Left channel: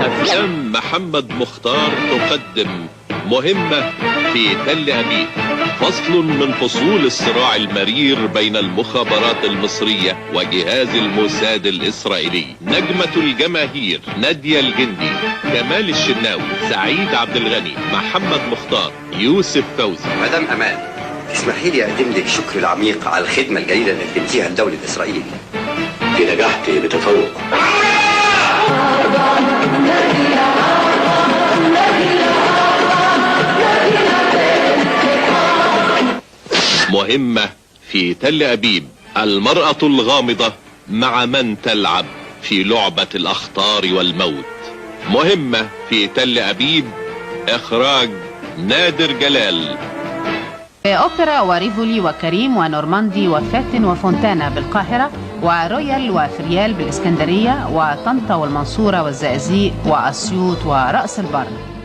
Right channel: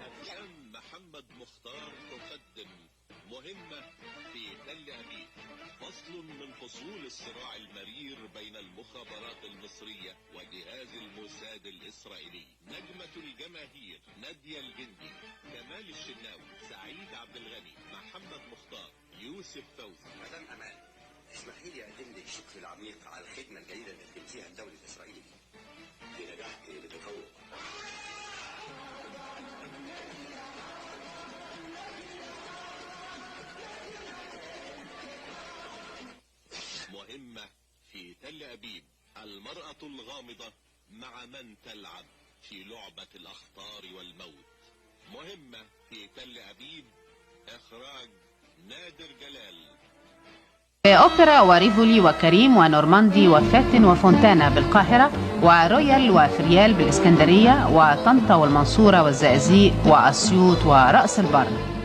أفلام محمد مختار تقدم مهمة في تل أبيب، فصل من فصول الصراع المرير بين المخابرات المصرية وجهاز الموساد الإسرائيلي. نجمة الجماهير نادية الجندي، كمال الشناوي، سعيد عبد الغني، محمد مختار، يوسف فوزي. مدام أمان، اسمحي لي أقدم لك شكر العميق على الخدمة الجيدة اللي قدمتيها لدولة إسرائيل. في نجحت بتفوق. مهمة في تل أبيب، المرأة الغامضة مع من تلعب في لعبة الأخطار والموت. مهمة في تل أبيب، إخراج نادر جلال. أوبرا وريفولي وكريم ونورماندي وفاتن وفونتانا بالقاهرة، ورويال وفريال بالإسكندرية، وطنطا والمنصورة والزقازيق وأسيوط ورأس البر.